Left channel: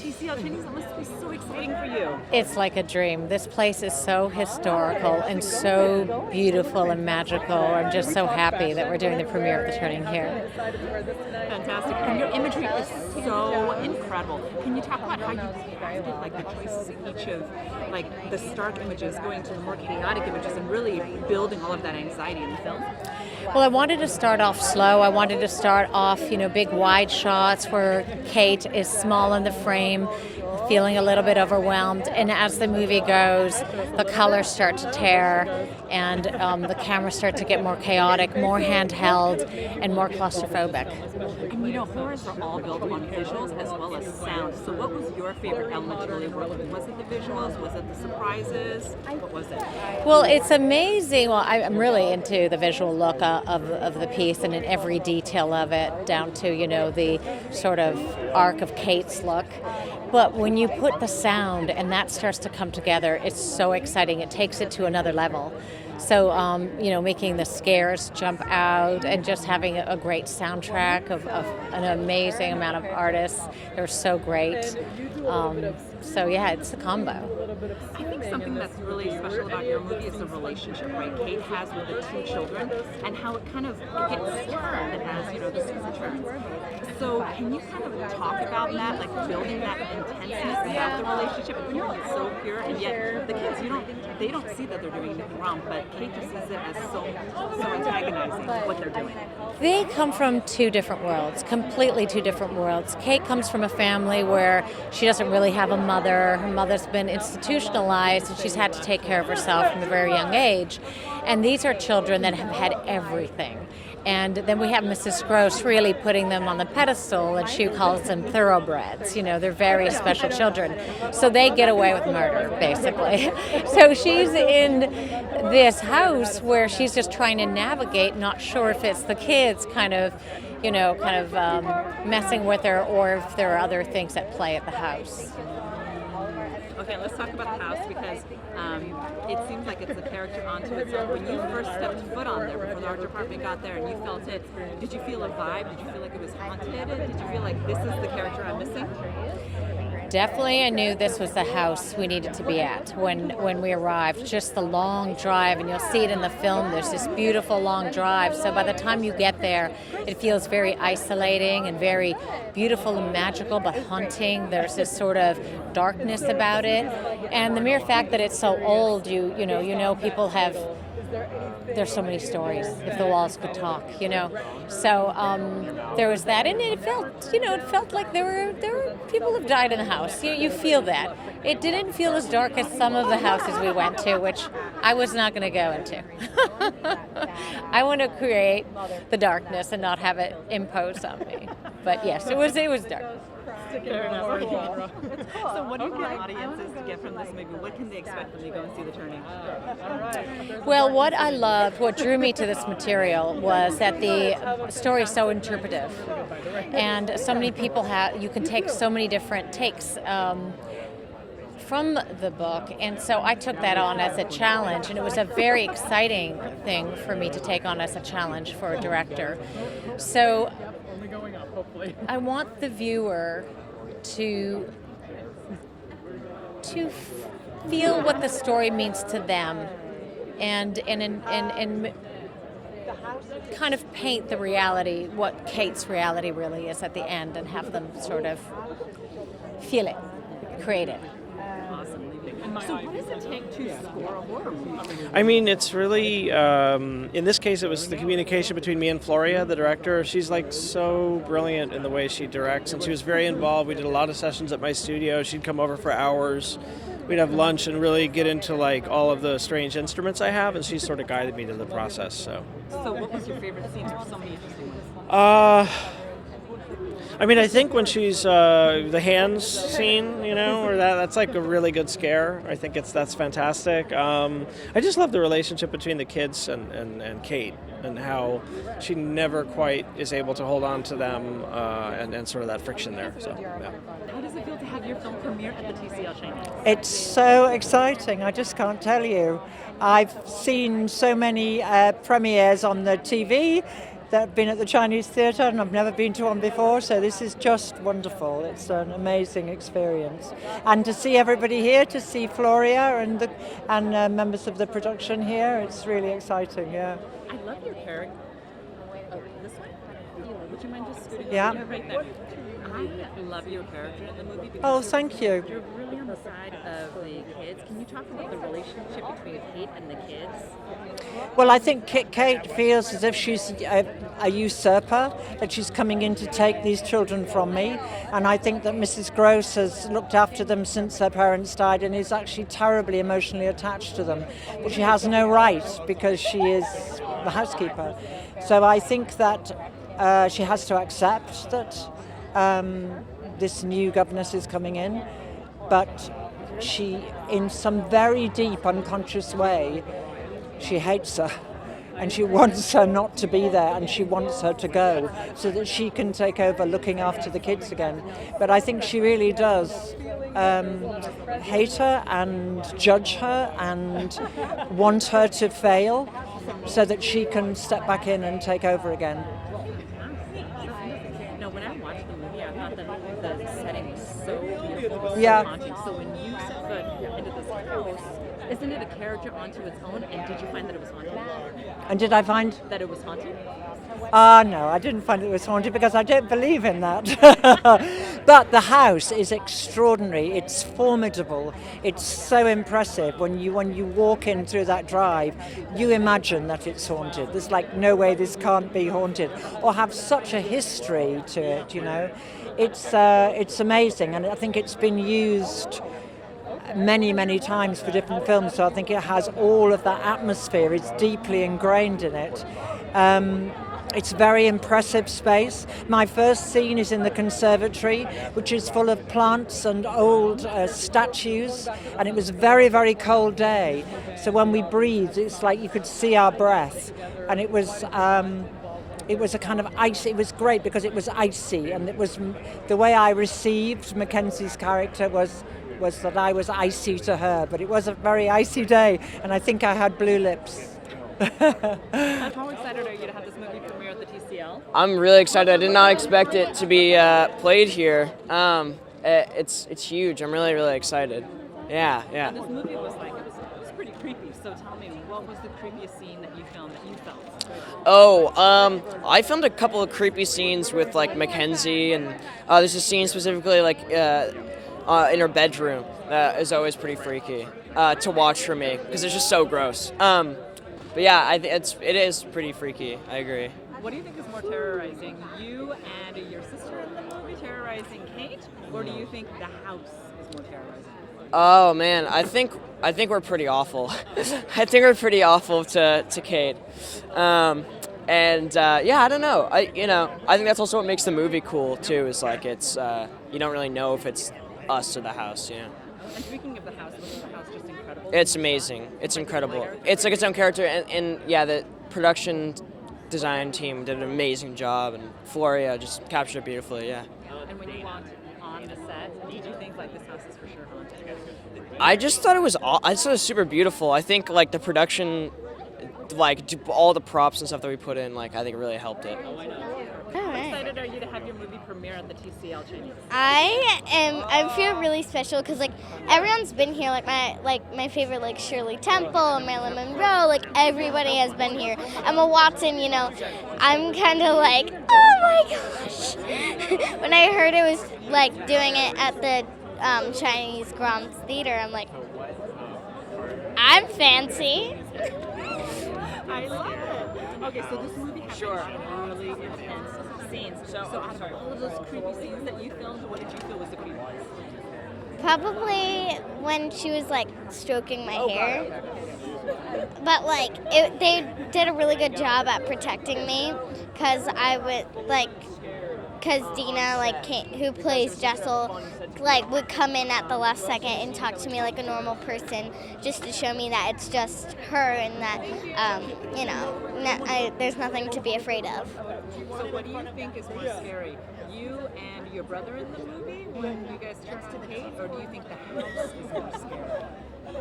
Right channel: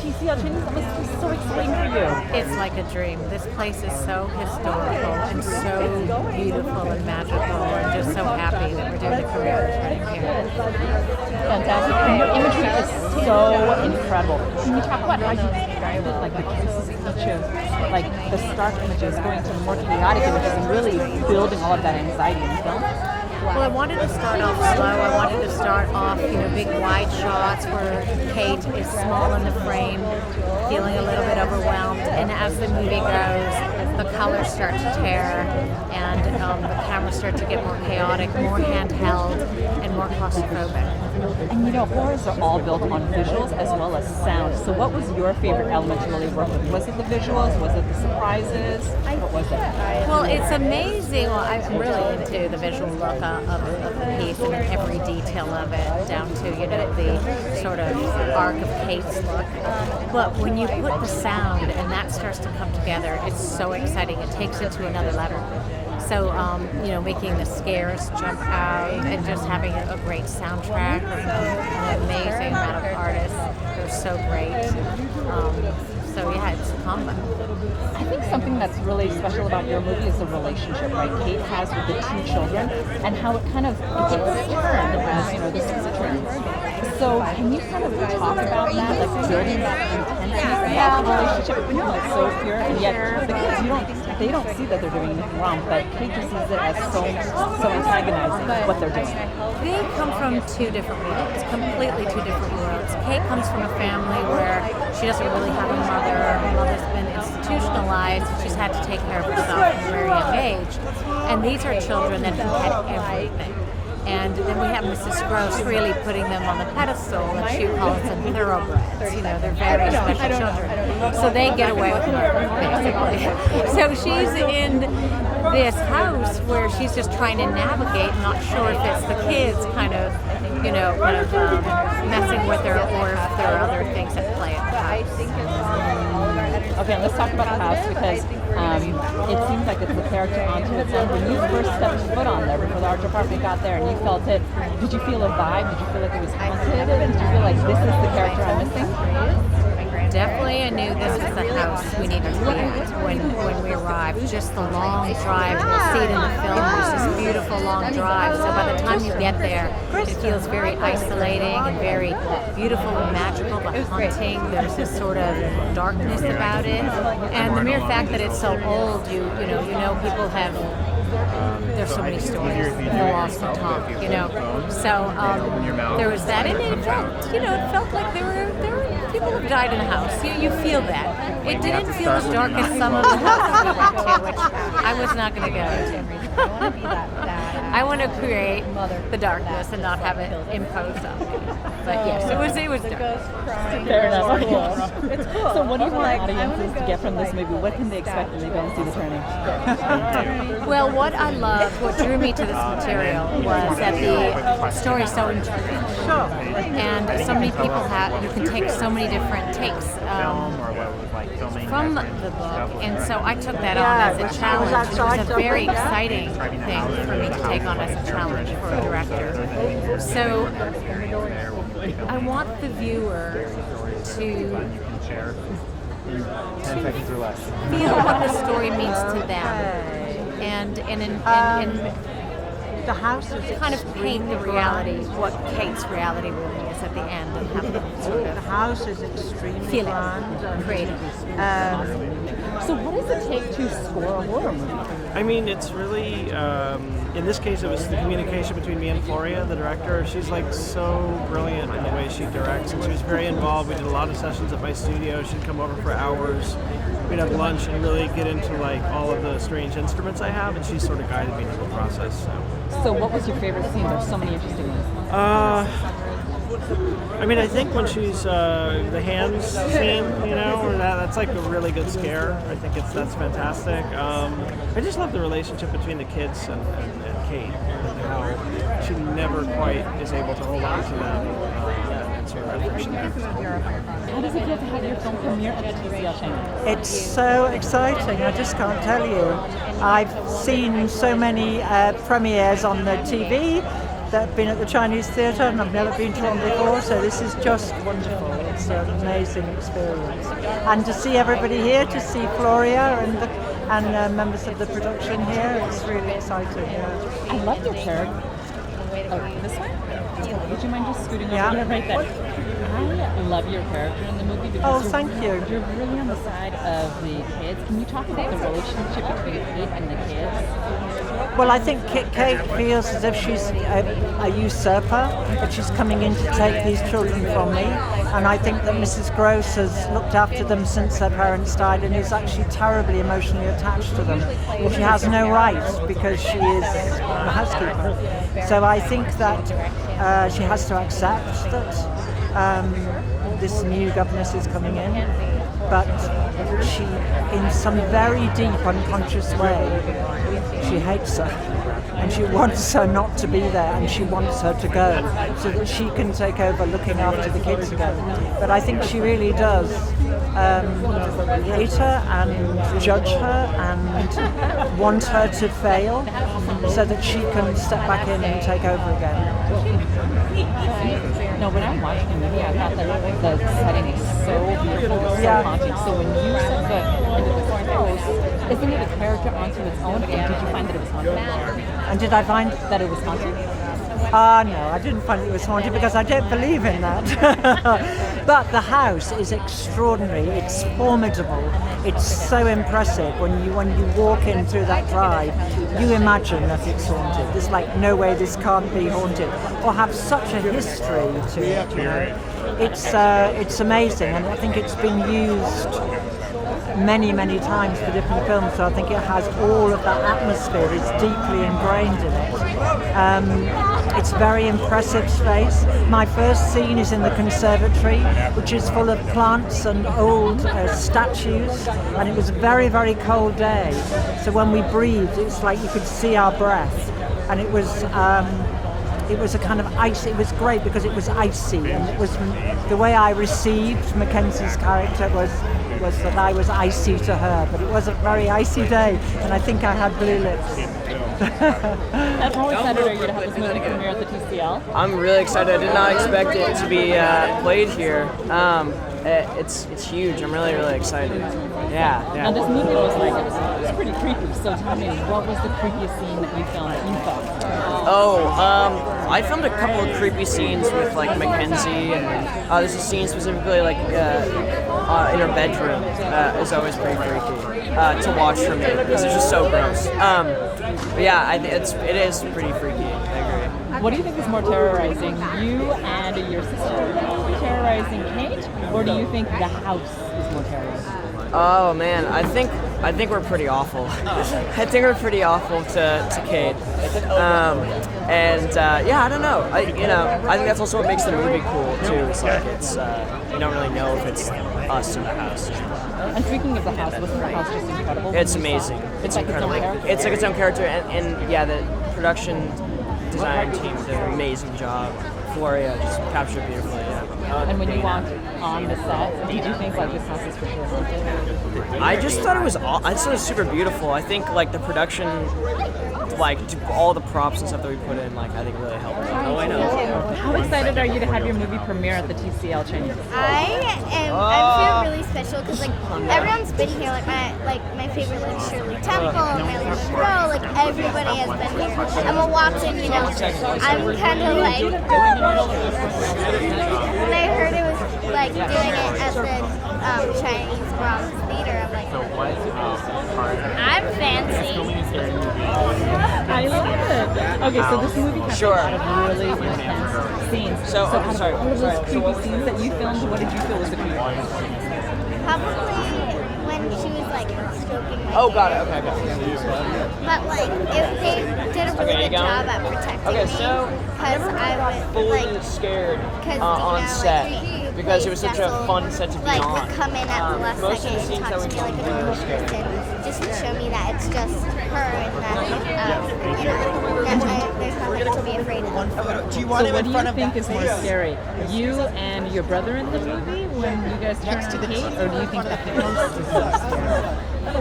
TCL Chinese. That must be so exciting for you. It's like a dream. This place is so historical and so beautiful and magical. I'm just so happy that we're doing the premiere of The Turning here. Fantastic. And your imagery is so incredible. Can you talk about how you described it, like the choices of each of like the stark images going to the more chaotic images and really building all of that anxiety in the film? Well, I wanted to start off slow. I wanted to start off, big wide shots where Kate is small in the frame, feeling a little bit overwhelmed. And as the movie goes, the colors start to tear and the cameras start to get more chaotic, more handheld, and more claustrophobic. And horrors are all built on visuals as well as sound. So what was your favorite element to really work with? Was it the visuals? Was it the surprises? What was it? Well, it's amazing. Well, I'm really into the visual look of the piece and in every detail of it, down to, the sort of arc of Kate's look. But when you put the sound and that starts to come together, it's so exciting. It takes it to another level. So, making the scares jump out and just having a great soundtrack of an amazing amount of artists. They're so great. It's a combo. I think something that's really special about your movie is the relationship, right? Kate has with the two children and how it kind of gets turned as, the season turns. So can you kind of talk about that, like building that intensity about the relationship and keeping it so pure, and yet the kids, they don't see that they're doing anything wrong, but Kate just sees it as so antagonizing what they're doing. They come from two different worlds, completely two different worlds. Kate comes from a family where she doesn't really have a mother. Her mother's been institutionalized. She's had to take care of herself from a very young age. And these are children that have had everything. And then we have Mrs. Grose really putting them on the pedestal, and she calls them thoroughbreds. They're very special children. So they get away with murder, basically. So she's in this house where she's just trying to navigate, not sure if it's the kids kind of messing with her or if there are other things at play at the house. Okay, let's talk about the house because it seems like it's a character onto its own. When you first stepped foot on there before the art department got there and you felt it, did you feel a vibe? Did you feel like it was haunted? Did you feel like this is the character I'm missing? Definitely, I knew this was the house we needed to be at when we arrived. Just the long drive, and you'll see it in the film, there's this beautiful long drive. So by the time you get there, it feels very isolating and very beautiful and magical, but haunting. There's this sort of darkness about it. And the mere fact that it's so old, you know people have... There's so many stories. The walls can talk, So there was that, and it felt like there were people who died in the house. You feel that. It didn't feel as dark as some of the houses we went to, which I was not going to go into. I want to create the darkness and not have it imposed on me. But yes, it was dark. Fair enough. So what do you want audiences to get from this movie? What can they expect when they go and see The Turning? Well, what drew me to this material was that the story is so interpretive. And so many people you can take so many different takes from the book, and so I took that on as a challenge, and it was a very exciting thing for me to take on as a challenge for a director. So I want the viewer to feel what the story means to them, and the house is kind of paint the reality, what Kate's reality really is at the end, and have them sort the of house is extremely feel it, grand. create it. So what does it take to score a horror movie? I mean, it's really, in this case, it was the communication between me and Floria, the director. She's like so brilliant in the way she directs, and she was very involved. We did a lot of sessions at my studio. She'd come over for hours. We'd have lunch and really get into like all of the strange instruments I have, and she sort of guided me through the process. So what was your favorite scene? There's so many interesting ones. I mean, I think when she's the hands scene, or that's like a really good scare. I think that's fantastic. I just love the relationship between the kids and Kate, and how she never quite is able to hold on to them, and sort of that friction there. So. How does it feel to have your film premiere at the TCL Chinese? It's so exciting, I just can't tell you. I've seen so many premieres on the TV, that have been at the Chinese Theater, and I've never been to one before, so this is just wonderful. It's an amazing experience. And to see everybody here, to see Floria and members of the production here, it's really exciting, yeah. I love your character. Oh, this way? Would you mind just scooting over? Yeah. Yeah, right there. I love your character in the movie because Oh, thank you. You're really on the side of the kids. Can you talk about the relationship between Kate and the kids? Well, I think Kate feels as if she's a usurper, that she's coming in to take these children from me. And I think that Mrs. Grose has looked after them since her parents died and is actually terribly emotionally attached to them. And she has no right because she is the housekeeper. So I think that she has to accept that this new governess is coming in. But she, in some very deep unconscious way, she hates her. And she wants her not to be there, and she wants her to go so that she can take over looking after the kids again. But I think she really does hate her and judge her and want her to fail so that she can step back in and take over again. No, when I watched the movie, I thought that the setting is so beautiful, it's so haunting. So when you said the into this house, isn't it a character onto its own? And did you find that it was haunted? And did I find? That it was haunted? No, I didn't find it was haunted because I don't believe in that. But the house is extraordinary. It's formidable. It's so impressive. When you walk in through that drive, you imagine that it's haunted. There's like no way this can't be haunted or have such a history to it. You know, it's amazing, and I think it's been used many times for different films. So I think it has all of that atmosphere. It's deeply ingrained in it. It's very impressive space. My first scene is in the conservatory, which is full of plants and old statues, and it was a very cold day. So when we breathed, it's like you could see our breath, and it was a kind of ice. It was great because it was icy, and it was the way I received Mackenzie's character was that I was icy to her, but it was a very icy day, and I think I had blue lips. And how excited are you to have this movie premiere at the TCL? I'm really excited. I did not expect it to be played here. It's huge. I'm really excited. Yeah. Now this movie was it was pretty creepy. So tell me, what was the creepiest scene that you filmed that you felt? I filmed a couple of creepy scenes with like Mackenzie, and there's a scene specifically like in her bedroom. Is always pretty freaky to watch for me because it's just so gross. But yeah, it is pretty freaky. I agree. What do you think is more terrorizing, you and your sister terrorizing Kate, or do you think the house is more terrorizing? Oh man, I think we're pretty awful. I think we're pretty awful to Kate. I don't know. I think that's also what makes the movie cool too. It's like you don't really know if it's us in the house. And speaking of the house, wasn't the house just incredible? It's amazing. It's incredible. It's like its own character, and yeah, the production design team did an amazing job. Floria just captured it beautifully, yeah. And when you walked on the set, did you think like this house is for sure haunted? I just thought it was super beautiful. I think like the production, like all the props and stuff that we put in, like I think really helped it. Oh, I know. How excited are you to have your movie premiere at the TCL Chinese? I feel really special because like everyone's been here. Like my favorite like Shirley Temple, Marilyn Monroe, like everybody has been here. Emma Watson, I'm kind of like, oh my gosh. When I heard it was like doing it at the Chinese Theater, I'm like, I'm fancy. I love it. Okay, so this movie has a lot of really intense scenes. So out of all of those creepy scenes that you filmed, what did you feel was the creepiest? Probably when she was like stroking my hair. Oh god, okay. But like, if they did a really good job at protecting me, because I would like scared because Dina who because plays it was such a Jessel, fun set to be like on. would come in at the last most of second the and scenes talk that to we me like a normal person, just to show me that it's just her and that there's nothing to be afraid of. So what do you think is more scary? You and your brother in the movie when you guys turn on Kate, or do you think the house is more scary? I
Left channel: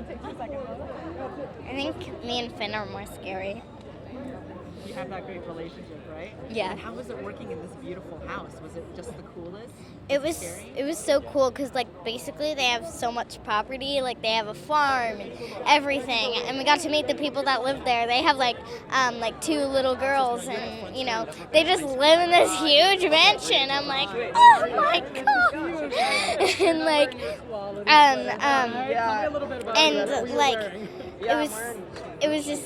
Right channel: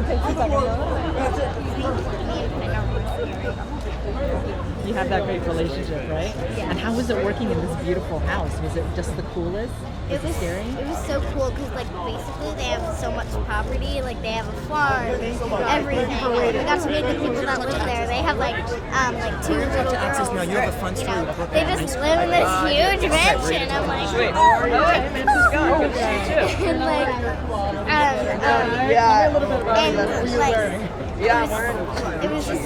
think me and Finn are more scary. you have that great relationship, right? Yeah. And how was it working in this beautiful house? Was it just the coolest? It was scary? It was so cool because like basically they have so much property, like they have a farm, everything, and we got to meet the people that live there. They have like 2 little girls, you know, they just live in this huge mansion. I'm like, oh my god, and like and like it was just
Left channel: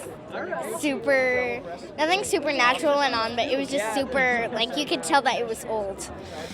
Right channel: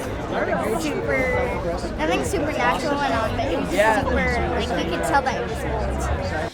super, nothing supernatural went on, but it was just super, like you could tell that it was old.